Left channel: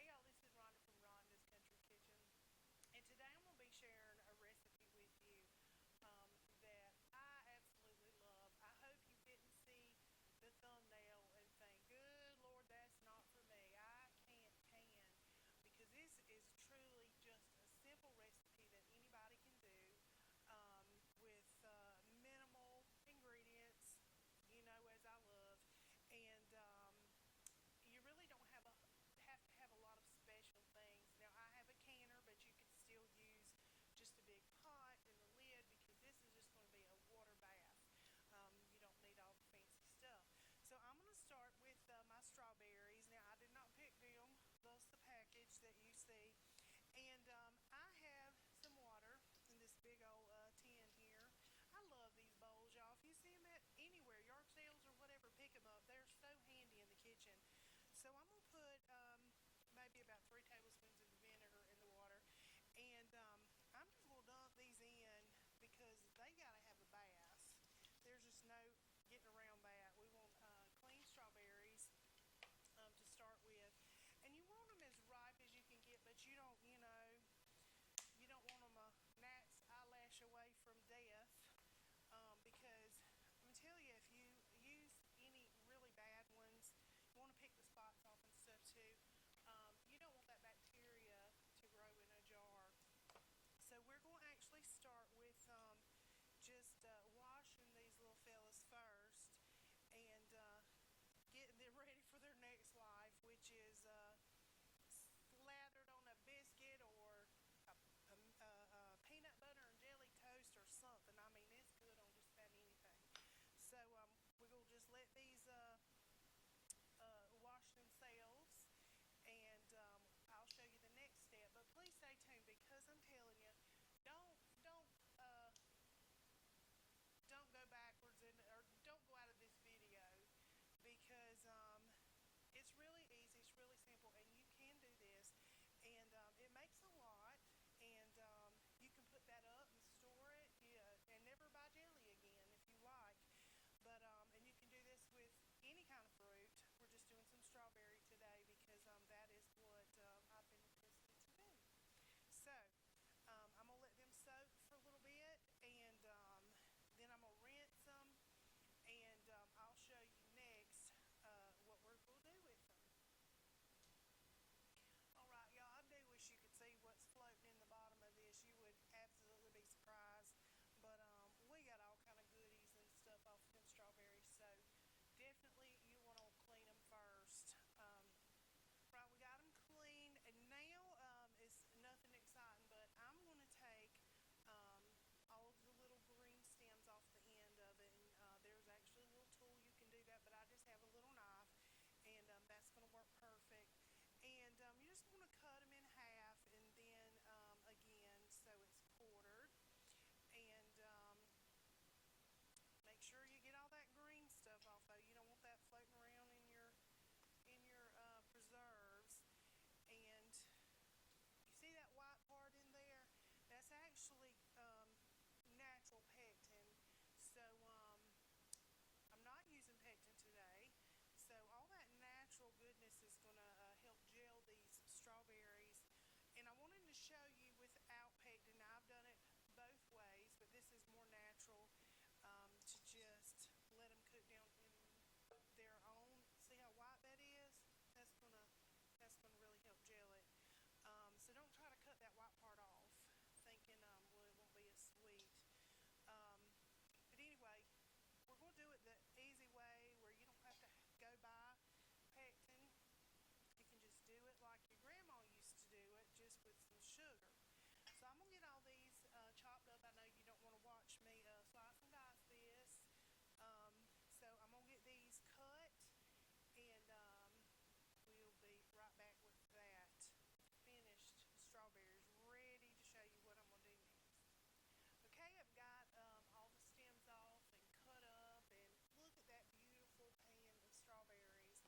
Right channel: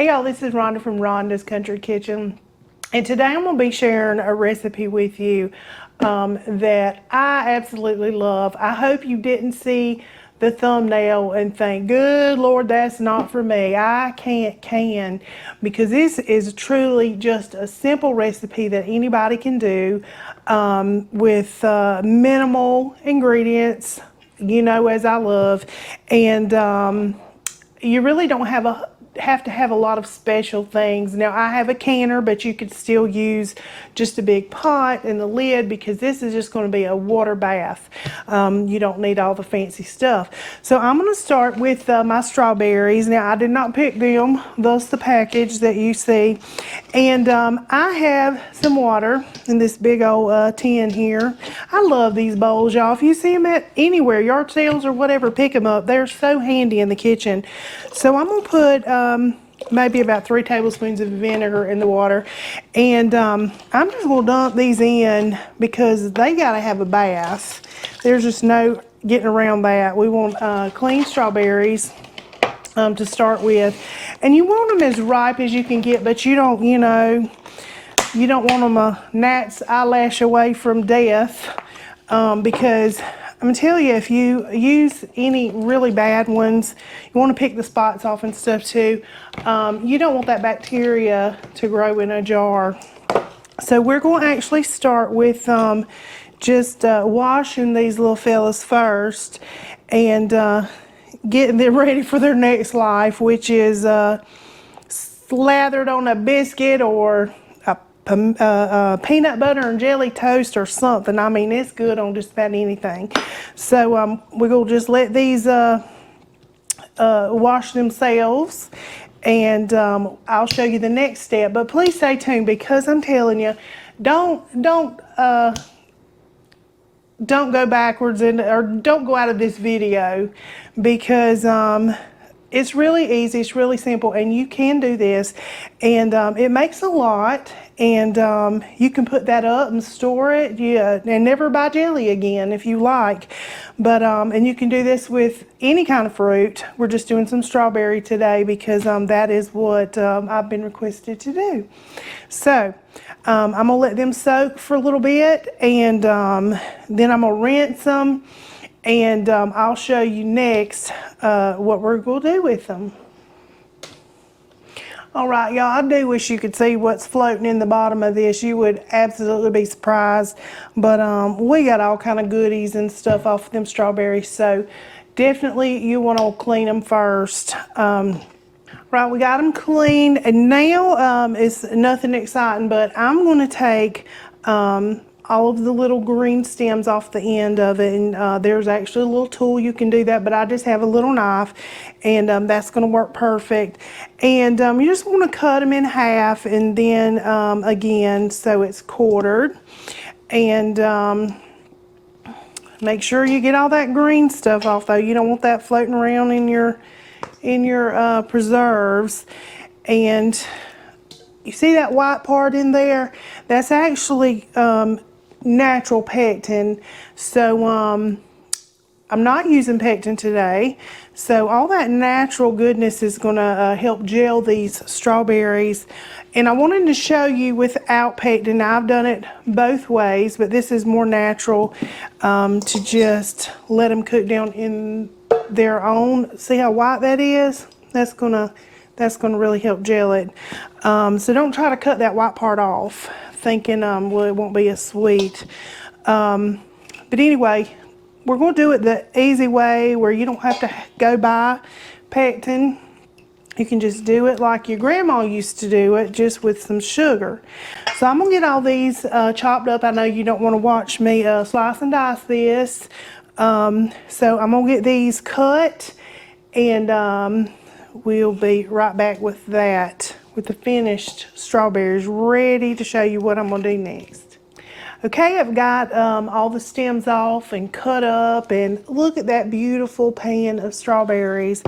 Hey y'all, this is Rhonda from Rhonda's Country Kitchen, and today I'm going to be sharing a recipe with you that I absolutely love. I hope you didn't see the thumbnail and think, good Lord, that's not for me. I can, because this is truly just a simple recipe that anybody can do with minimal ingredients, you know, as I love, and you really don't have to have a lot of special things. Now I have a canner, but you could still use just a big pot and the lid, because this is just going to be a water bath. You don't need all the fancy stuff. So I'm going to start with my strawberries. Now I did not pick them, thus the package that you see. And I have some water in this big old tin here. I love these bowls, y'all. If you see them at anywhere, yard sales or whatever, pick them up. They're so handy in the kitchen. So I'm going to put maybe about 3 tablespoons of vinegar in the water, and I'm just going to dump these in because they got to have a bath. There's just no getting around that. We want clean strawberries to start with, and you want them as ripe as you can get, but you don't, you know, you don't want them a gnat's eyelash away from death, because I'm gonna tell you, if you use any really bad ones, you want to pick the spots off and stuff too. You don't want that bacteria to grow in a jar. So we're going to actually start with just washing these little fellas first, and getting them ready for their next life, which is slathered on a biscuit or peanut butter and jelly toast or something. I mean, it's good on just about anything. So we're going to just let these wash themselves, and I'll show you the next step. But please stay tuned, because I'm telling you, don't go backwards or don't go out of this video, because it's really easy, it's really simple, and you can do this, and it makes a lot, and you can put that up and store it, and never buy jelly again if you like. But and you can do this with any kind of fruit. We're just doing some strawberry today because that is what I've been requested to do. So I'm gonna let them soak for a little bit, and then I'm gonna rinse them, and I'll show you next what we're going to do with them. All right, y'all, I do wish you could see what's floating in the bottom of this. You would absolutely be surprised. But we got all kind of goodies and stuff off of them strawberries, so definitely you want to clean them first. Right, we got them cleaned, and now it's nothing exciting, but I'm going to take all of the little green stems off the end of it, and there's actually a little tool you can do that, but I just have a little knife, and that's going to work perfect. And you just want to cut them in half, and then again, so it's quartered, and make sure you get all that green stuff off, though. You don't want that floating around in your preserves. And you see that white part in there? That's actually natural pectin. So I'm not using pectin today. So all that natural goodness is going to help gel these strawberries. And I wanted to show you without pectin. Now, I've done it both ways, but this is more natural, to just let them cook down in their own. See how white that is? That's gonna really help gel it. So don't try to cut that white part off, thinking well, it won't be as sweet. But anyway, we're going to do it the easy way, where you don't have to go buy pectin. You can just do it like your grandma used to do it, just with some sugar. So I'm going to get all these chopped up. I know you don't want to watch me slice and dice this. So I'm going to get these cut, and we'll be right back with that, with the finished strawberries, ready to show you what I'm going to do next. Okay, I've got all the stems off and cut up, and look at that beautiful pan of strawberries.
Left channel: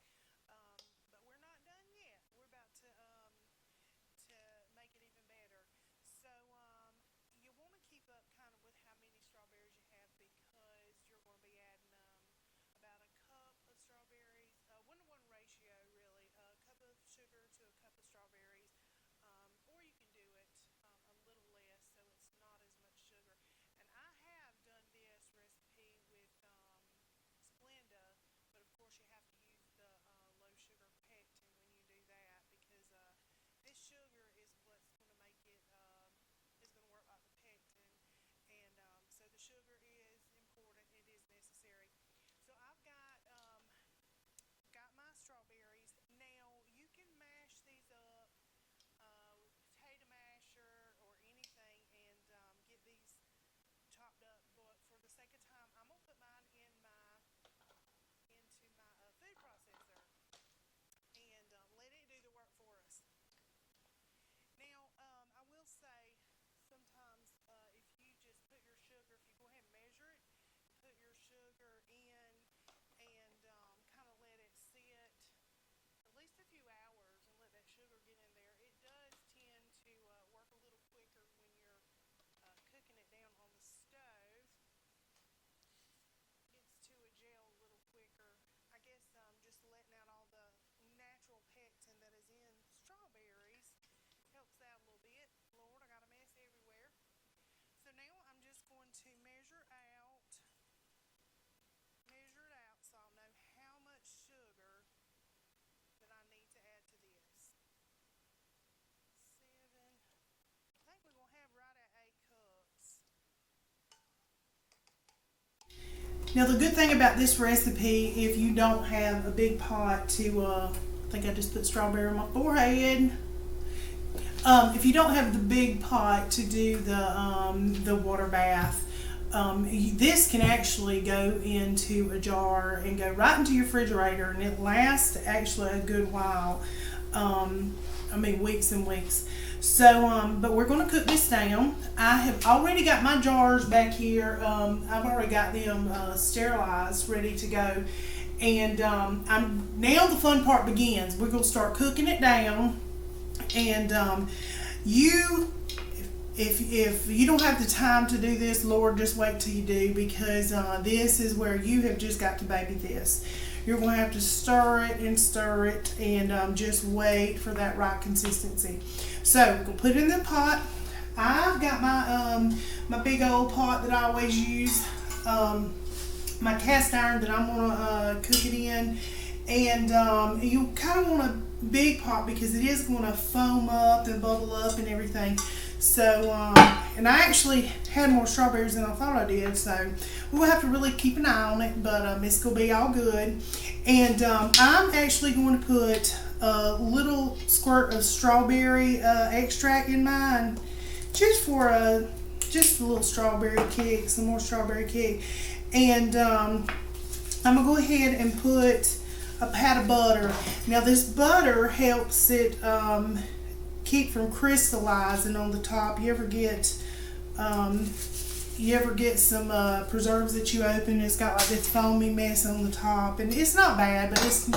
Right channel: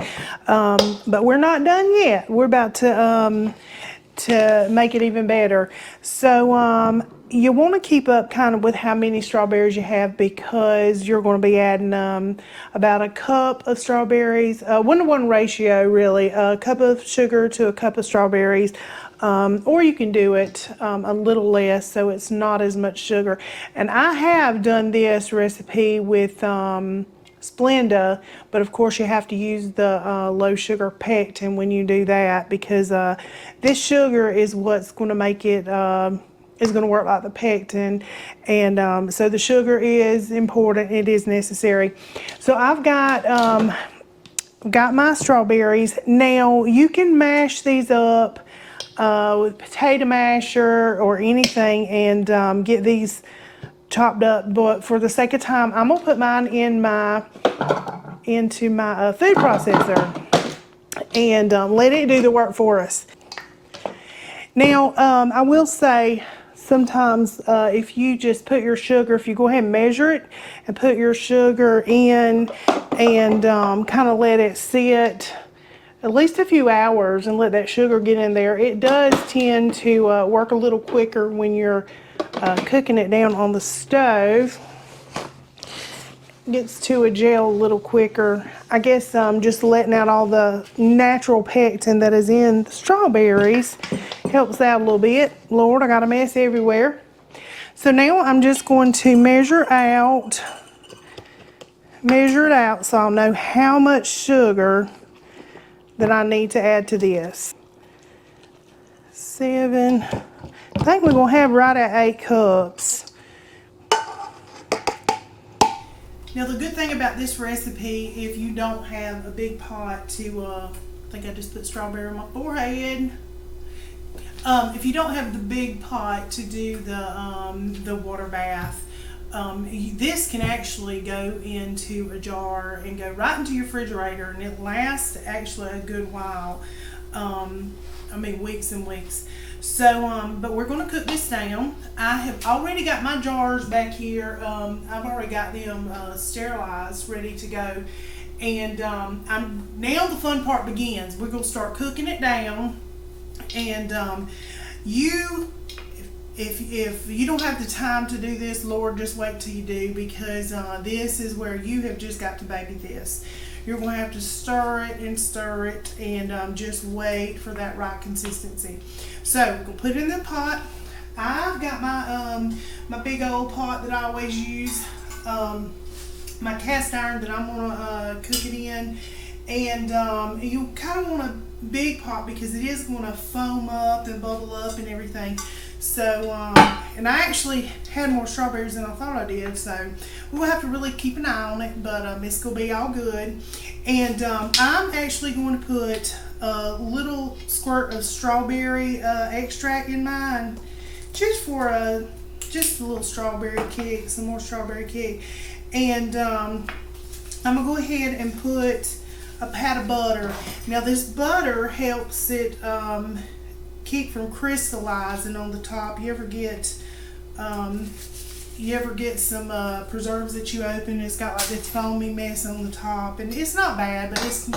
But we're not done yet. We're about to make it even better. So you want to keep up kind of with how many strawberries you have, because you're going to be adding about a cup of strawberries, 1-to-1 ratio really, a cup of sugar to a cup of strawberries. Or you can do it a little less so it's not as much sugar. And I have done this recipe with Splenda, but of course you have to use the low sugar pectin when you do that, because this sugar is what's going to make it is going to work like the pectin, and so the sugar is important. It is necessary. So I've got my strawberries. Now you can mash these up with potato masher or anything and get these chopped up, but for the sake of time I'm gonna put mine into my food processor and let it do the work for us. Now I will say, sometimes if you just put your sugar, if you go ahead and measure it and put your sugar in and kind of let it sit at least a few hours and let that sugar get in there, it does tend to work a little quicker when you're cooking it down on the stove. Gets to a gel a little quicker. I guess just letting out all the natural pectin that is in the strawberries helps out a little bit. Lord, I got a mess everywhere. So now I'm just going to measure it out so I'll know how much sugar that I need to add to this. 7, I think we're gonna have right at 8 cups. Now the good thing about this recipe, if you don't have a big pot to, I think I just put strawberry on my forehead. If you don't have the big pot to do the water bath, this can actually go into a jar and go right into your refrigerator, and it lasts actually a good while. I mean, weeks and weeks. So, but we're going to cook this down. I have already got my jars back here. I've already got them sterilized, ready to go. And now the fun part begins. We're going to start cooking it down. And if you don't have the time to do this, Lord, just wait till you do, because this is where you have just got to baby this. You're going to have to stir it and just wait for that right consistency. So we're going to put it in the pot. I've got my big old pot that I always use, my cast iron that I'm going to cook it in. And you kind of want a big pot because it is going to foam up and bubble up and everything. So, and I actually had more strawberries than I thought I did, so we'll have to really keep an eye on it, but it's going to be all good. And I'm actually going to put a little squirt of strawberry extract in mine, just for just a little strawberry kick, some more strawberry kick. And I'm going to go ahead and put a pat of butter. Now this butter helps it keep from crystallizing on the top. You ever get some preserves that you open, it's got like this foamy mess on the top, and it's not bad, but it's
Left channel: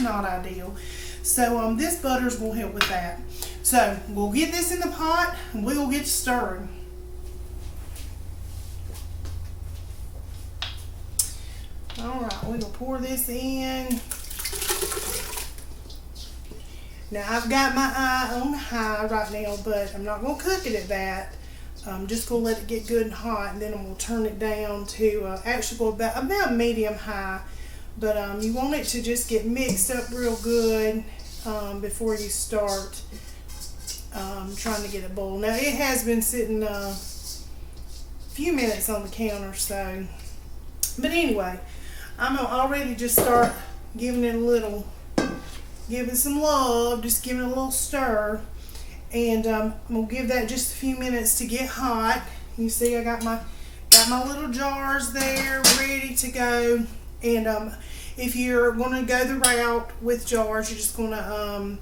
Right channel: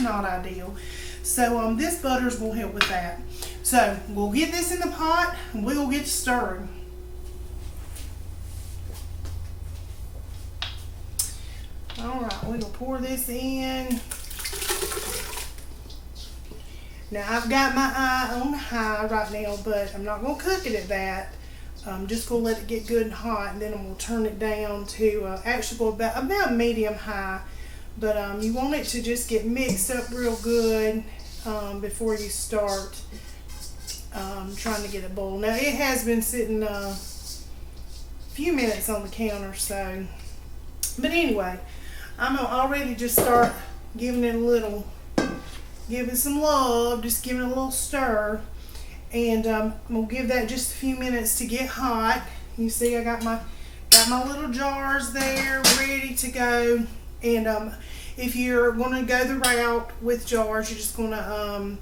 not ideal. So this butter is going to help with that. So we'll get this in the pot and we'll get stirring. Alright, we're going to pour this in. Now I've got my eye on high right now, but I'm not going to cook it at that. I'm just going to let it get good and hot, and then I'm going to turn it down to actually go about medium high. But you want it to just get mixed up real good before you start trying to get it boiled. Now it has been sitting a few minutes on the counter, so. But anyway, I'm going to already just start giving it giving some love, just giving it a little stir. And I'm going to give that just a few minutes to get hot. You see I got my little jars there ready to go. And if you're going to go the route with jars, you're just going to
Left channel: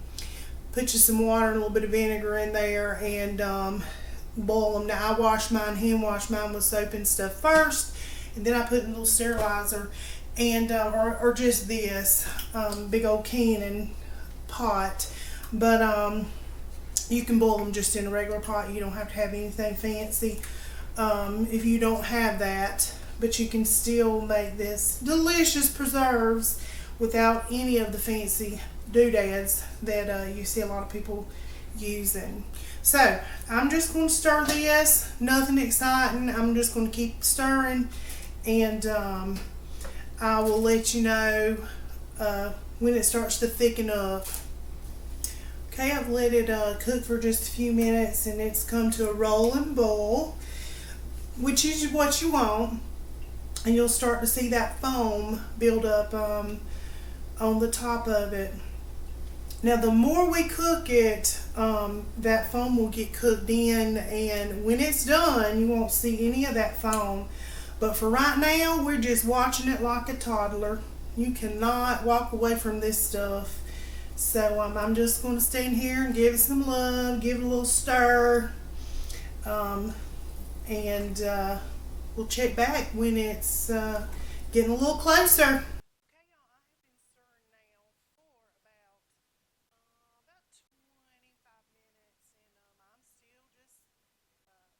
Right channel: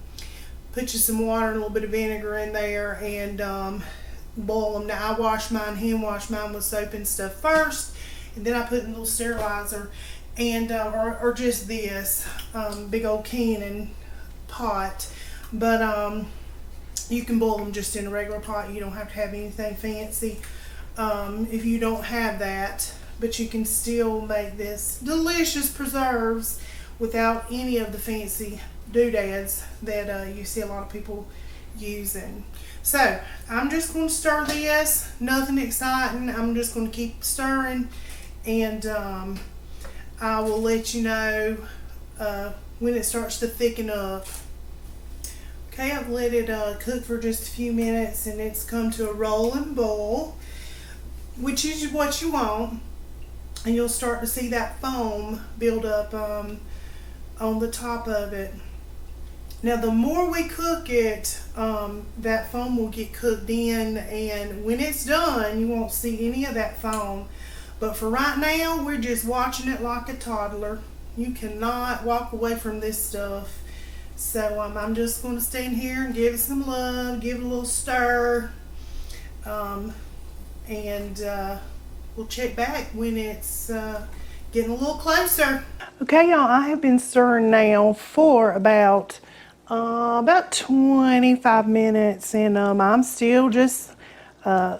put you some water and a little bit of vinegar in there and boil them. Now I hand wash mine with soap and stuff first, and then I put in a little sterilizer, and or just this big old Cannon pot. But You can boil them just in a regular pot. You don't have to have anything fancy if you don't have that. But you can still make this delicious preserves without any of the fancy doodads that you see a lot of people using. So I'm just going to stir this. Nothing exciting. I'm just going to keep stirring, and I will let you know when it starts to thicken up. Okay, I've let it cook for just a few minutes, and it's come to a rolling boil, which is what you want. And you'll start to see that foam build up on the top of it. Now, the more we cook it, that foam will get cooked in, and when it's done, you won't see any of that foam. But for right now, we're just watching it like a toddler. You cannot walk away from this stuff. So I'm just going to stand here and give it some love, give it a little stir, and we'll check back when it's getting a little closer. Okay, y'all, I have been stirring now for about 25 minutes, and I'm still just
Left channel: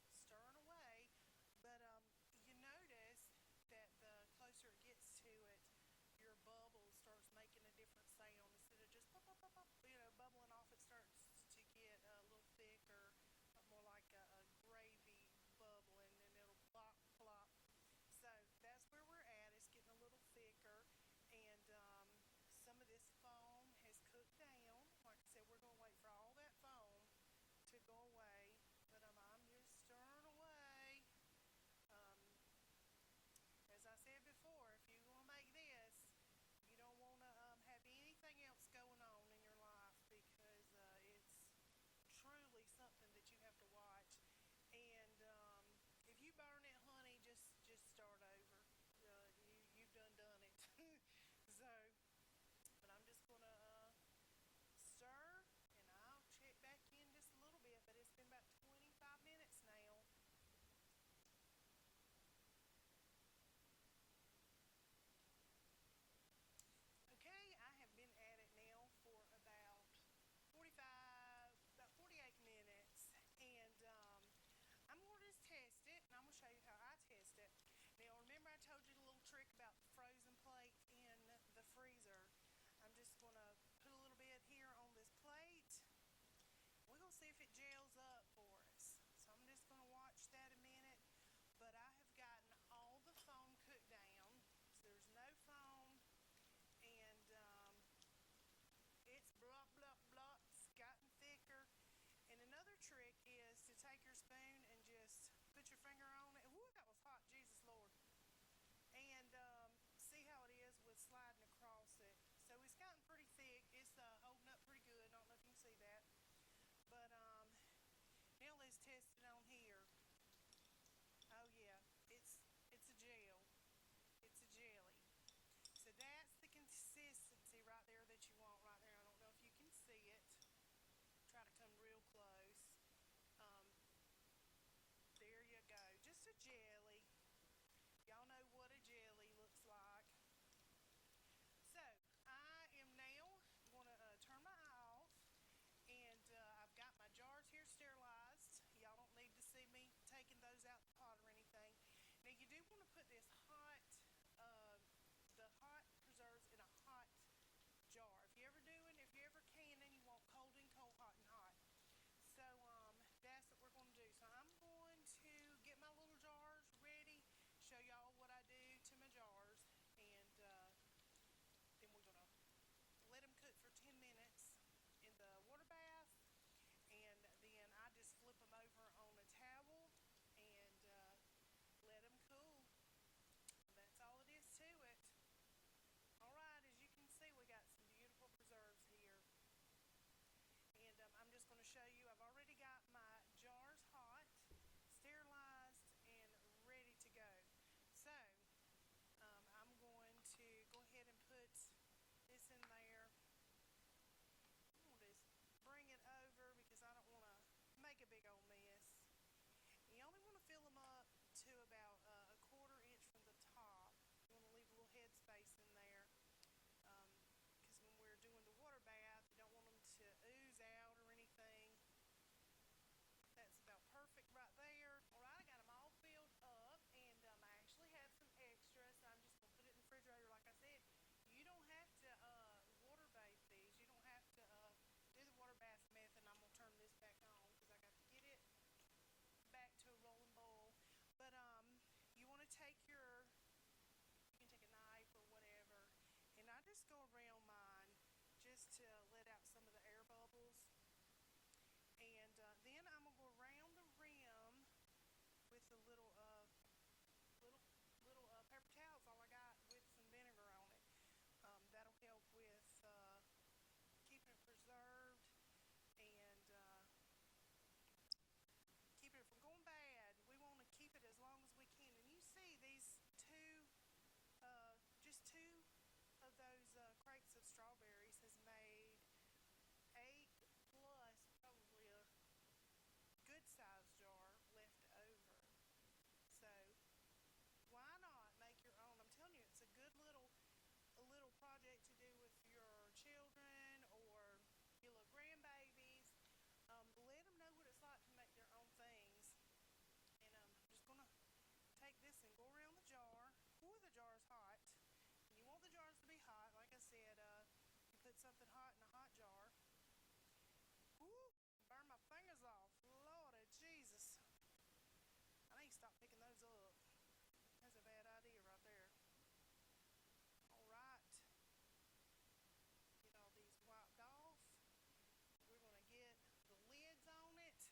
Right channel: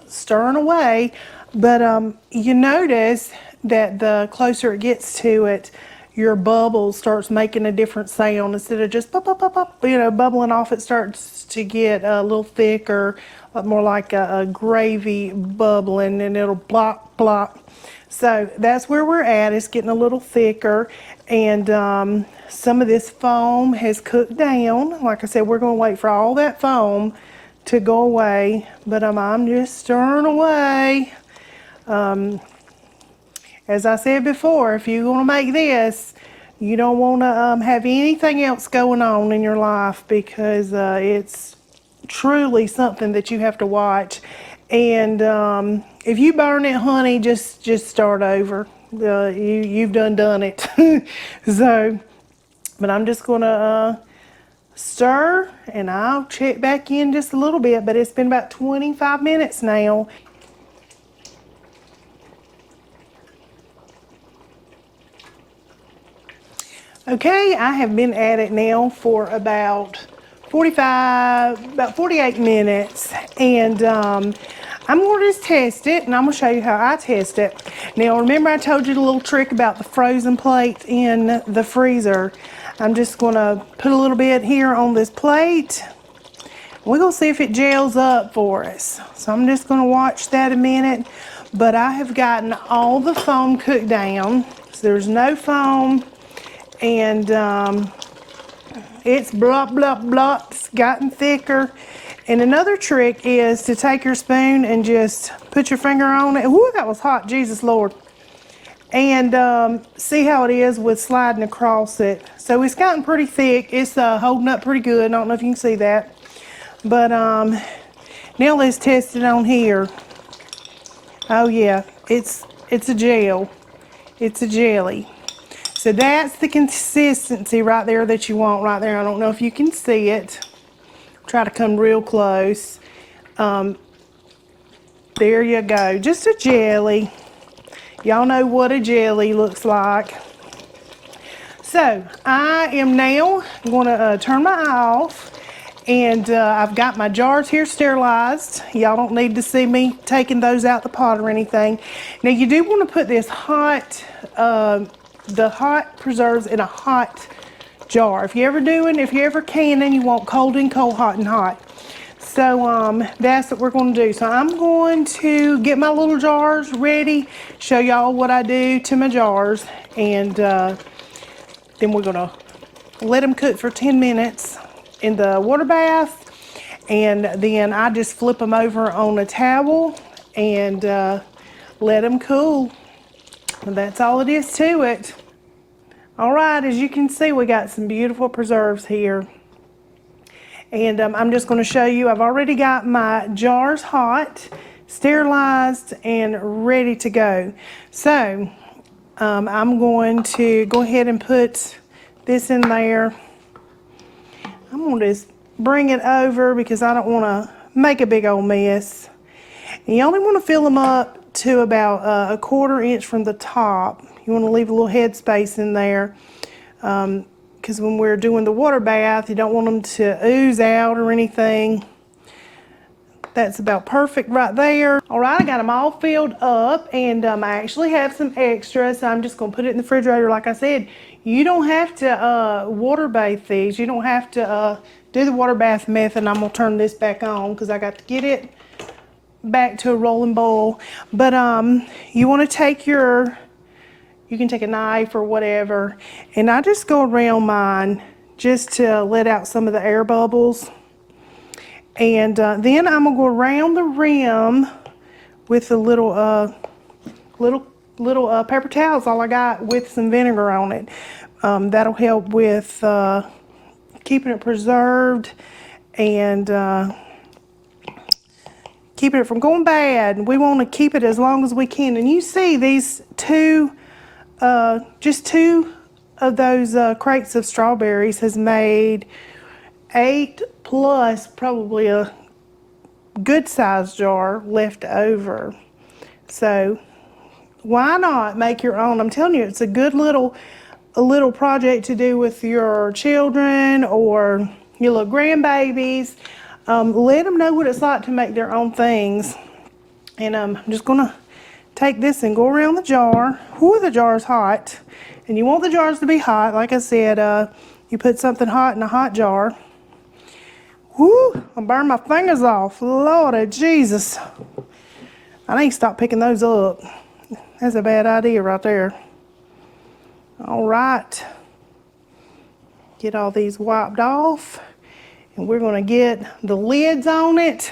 stirring away. But you notice that the closer it gets to it, your bubble starts making a different sound. Instead of just pop, pop, pop, pop, bubbling off, it starts to get a little thicker, more like a gravy bubbling, and it'll block, block. So that's where we're at. It's getting a little thicker, and some of this foam has cooked down. Like I said, we're going to wait for all that foam to go away, but I'm just stirring away. As I said before, if you're going to make this, you don't want to have anything else going on in your life, because it's truly something that you have to watch. And if you burn it, honey, just start over. You've done it. So, but I'm just going to stir, and I'll check back in just a little bit. But it's been about 25 minutes now. Okay, I have been at it now for about 48 minutes, and I'm going to just test it, and I'm going to show you how I test it. Now, remember I told you the little trick about the frozen plate in the freezer? I'm just going to put a little bit here on this plate. We're going to see if it gels up for us. So I'm just going to watch that a minute, but I have gotten all the foam cooked down, so there's no foam. And it's blah, blah, blah, it's gotten thicker. And another trick is to take your spoon and just put your finger on it. Ooh, that was hot, Jesus Lord. And see how it is with sliding across it. So it's gotten pretty thick. It's holding up pretty good. I don't know if you can see that. But now let's test it on here. Oh yeah, it's a gel. It's a jelly. So that's the consistency right there that you want right there. I don't know if you can see it. Try to come real close. There you go, just a jelly. Y'all know what a jelly looks like. So I am now going to turn my eye off, and I've got my jars here sterilized. Y'all don't need to see me taking those out the pot or anything. Now you do want to put this hot, the hot preserves in a hot jar. If you ever can, and you want cold and cold, hot and hot. So that's what we're going to do. So I'm going to get my little jars ready, show y'all what I do to my jars, and then we're going to let them cook for 10 minutes in the water bath, and then I just flip them over on a towel and let them cool. And that's all it is to it. All right, as you can see, we got some beautiful preserves here. And I'm just going to show you, I've already got my jars hot, sterilized, and ready to go. So I'm going to go ahead and put this in there. I'm going to just bring it over because I don't want to make a big old mess. And you only want to fill them up to about a 1/4 inch from the top. You want to leave a little head space in there, because when we're doing the water bath, you don't want them to ooze out or anything. That's about perfect right there. All right, I got them all filled up, and I actually have some extra, so I'm just gonna put it in the refrigerator. Like I said, you don't have to water bath these. You don't have to do the water bath method. I'm gonna turn this back on because I got to get it back to a rolling boil. But you want to take you can take a knife or whatever, and I just go around mine just to let out some of the air bubbles. And then I'm gonna go around the rim with the little paper towels, all I got, with some vinegar on it. That'll help with keeping it preserved and keeping it from going bad. We want to keep it as long as we can. And you see these just two of those crates of strawberries has made 8 plus probably a good sized jar left over. So why not make your own? I'm telling you, it's a good little project to do with your children or your little grandbabies. Let them know what it's like to make their own things. And I'm just gonna take this and go around the jar. Whew, the jar's hot. And you want the jars to be hot. Like I said, you put something hot in a hot jar. Whoo, I'll burn my fingers off. Lordy Jesus. I need to stop picking those up. That's a bad idea right there. All right. Get all these wiped off. And we're gonna get the lids on it.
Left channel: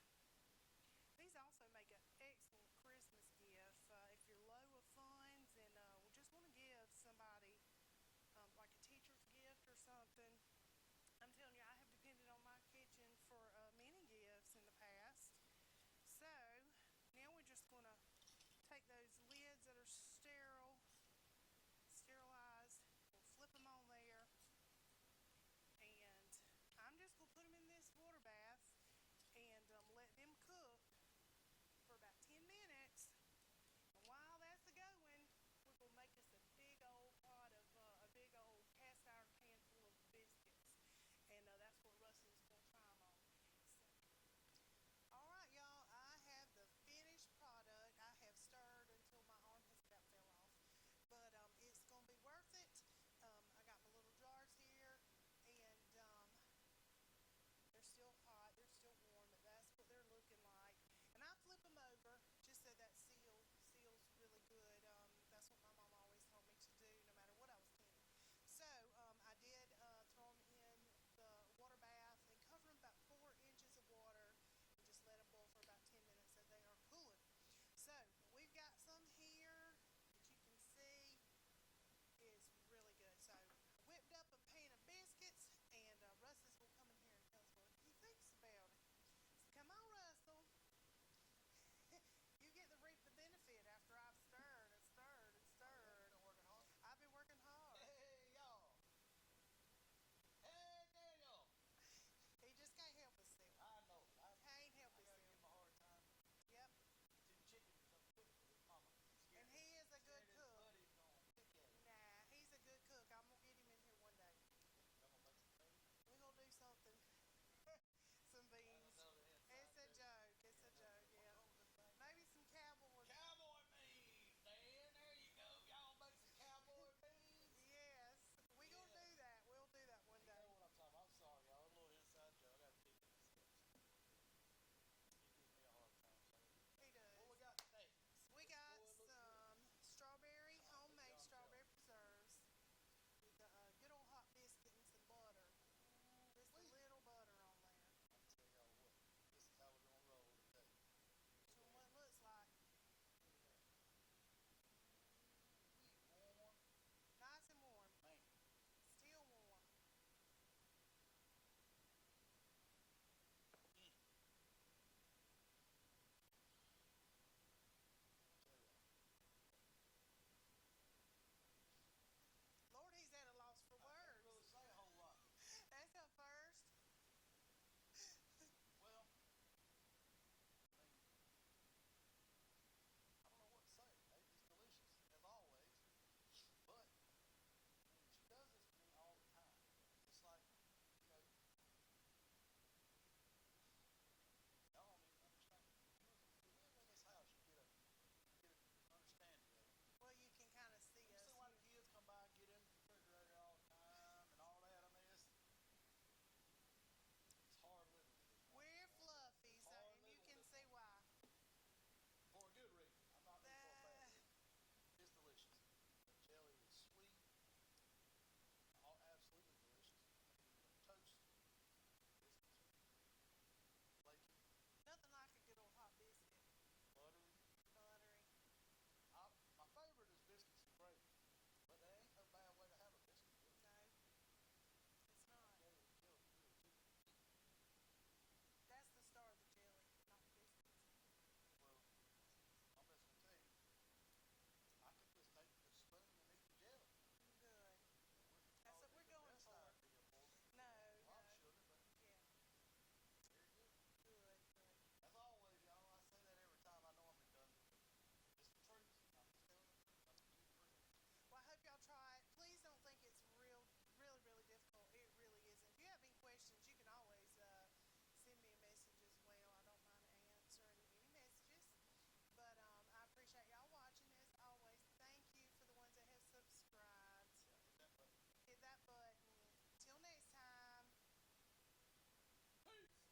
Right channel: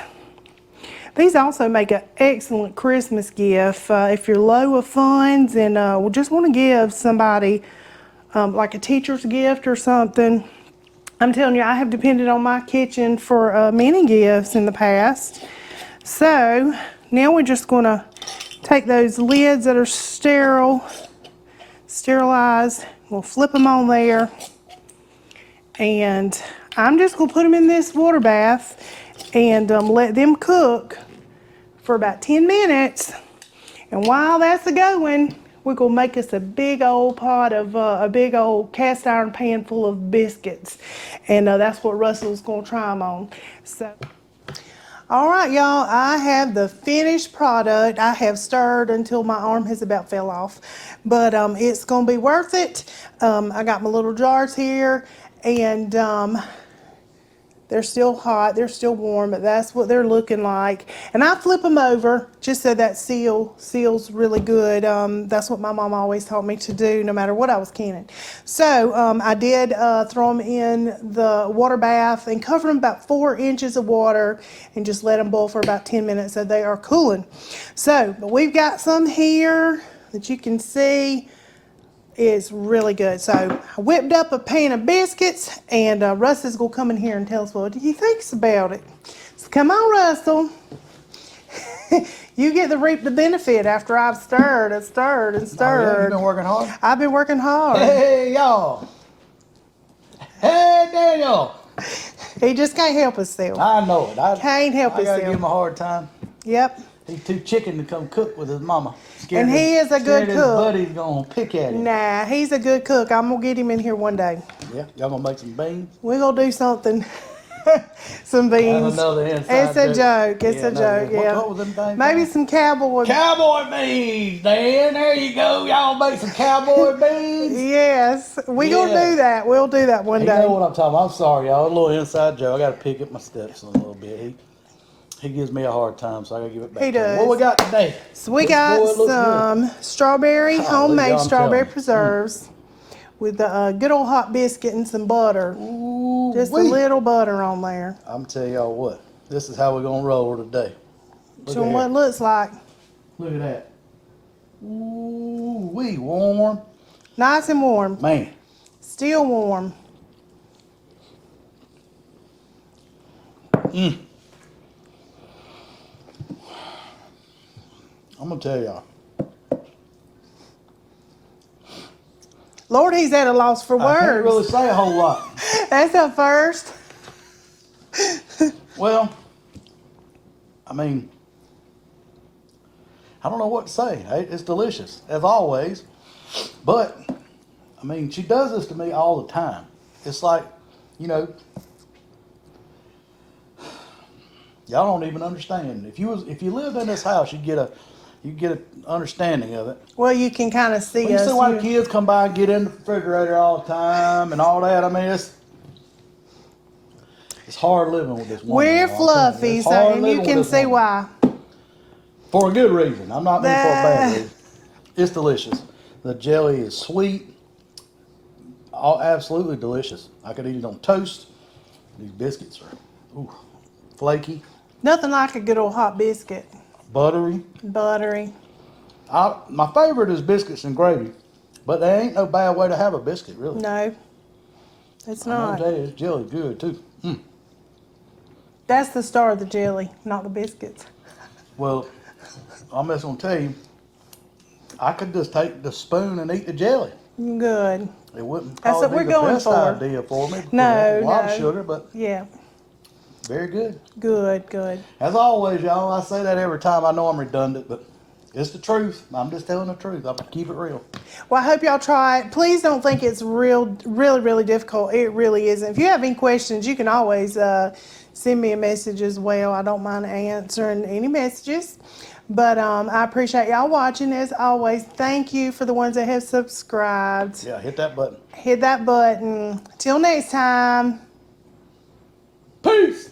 These also make an excellent Christmas gift if you're low of funds and just want to give somebody like a teacher's gift or something. I'm telling you, I have depended on my kitchen for many gifts in the past. So now we're just going to take those lids that are sterilized. We'll flip them on there. And I'm just going to put them in this water bath and let them cook for about 10 minutes. And while that's a-going, we're gonna make us a big old pot of, a big old cast iron pan full of biscuits. And that's what Russell's gonna try them on. So, all right, y'all, I have the finished product. I have stirred until my arm has about fell off, but it's gonna be worth it. I got my little jars here, and they're still hot, they're still warm, but that's what they're looking like. And I flip them over just so that seals really good. That's what my mom always taught me to do no matter what I was canning. So I did throw them in the water bath and cover them about 4 inches of water and just let them boil for about 10 minutes so they are cooling. So, but we've got some here that you can see. Is really good. So I whipped up a pan of biscuits, and Russ is gonna come in here and tell us what he thinks about it. So come on, Russell. You get to reap the benefit after I've stirred and stirred and stirred. Oh, yeah? You been working hard? I've been working hard. Hey, y'all. Hey, Daniel. He just can't help himself. I know it. I Can't help I gotta himself. give him a hard time. Yep. He's too chicken to come cook with his mama. Scared And he is a good his cook. buddy's gonna pick at him. Nah, he's a good cook. I'm gonna get him in here one day. Yeah, y'all gonna make some beans? We're gonna do something. Some beans. That's another inside It's a joke. It's a joke. What Yeah. color was them things? Maybe some cowboy. Cowboy beans, Dan. There you go. Y'all make some cowboy beans. Yes, we gonna Yeah. do that. We'll do that one You day. know what I'm talking about. I'm sorry, y'all. A little inside joke. I gotta pick up my steps a little bit. He gives me a hard time, so I gotta give it back. He to him. does. What we got today? So we Boy, got it looks good. some strawberry, Golly, homemade I'm strawberry telling you. preserves with a good old hot biscuit and some butter. Ooh, Just a wee. little butter on there. I'm tell y'all what. This is how we're gonna roll today. Look Show at them what here. it looks like. Look at that. Ooh, we warm. Nice and warm. Man. Still warm. I'm gonna tell y'all. Lord, he's at a loss for I can't words. really say a whole lot. That's a first. Well, I mean, I don't know what to say. It's delicious, as always. But, I mean, she does this to me all the time. It's like, you know, Y'all don't even understand. If you lived in this house, you get an understanding of it. Well, you can kind of see Well, you us. see why the kids come by and get in the refrigerator all the time and all that. I mean, it's hard living with this woman. We're I'll tell you. fluffy, It's so, hard and you living can with this see woman. why. For a good reason. I'm not meaning for a bad Nah. reason. It's delicious. The jelly is sweet. Absolutely delicious. I could eat it on toast. These biscuits are flaky, Nothing like a good old hot biscuit. buttery. Buttery. My favorite is biscuits and gravy, but there ain't no bad way to have a biscuit, really. No, it's I'm gonna not. tell you, this jelly good too. That's the star of the jelly, not the biscuits. Well, I'm just gonna tell you, I could just take the spoon and eat the jelly. Good. It wouldn't That's probably what be we're the going best for. idea for me. Because No, that's a lot of no. sugar, but Yeah. very good. Good, good. As always, y'all, I say that every time. I know I'm redundant, but it's the truth. I'm just telling the truth. I'm gonna keep it real. Well, I hope y'all try it. Please don't think it's really difficult. It really isn't. If you have any questions, you can always send me a message as well. I don't mind answering any messages. But I appreciate y'all watching. As always, thank you for the ones that have subscribed. Yeah, hit that button. Hit that button. Till next time. Peace.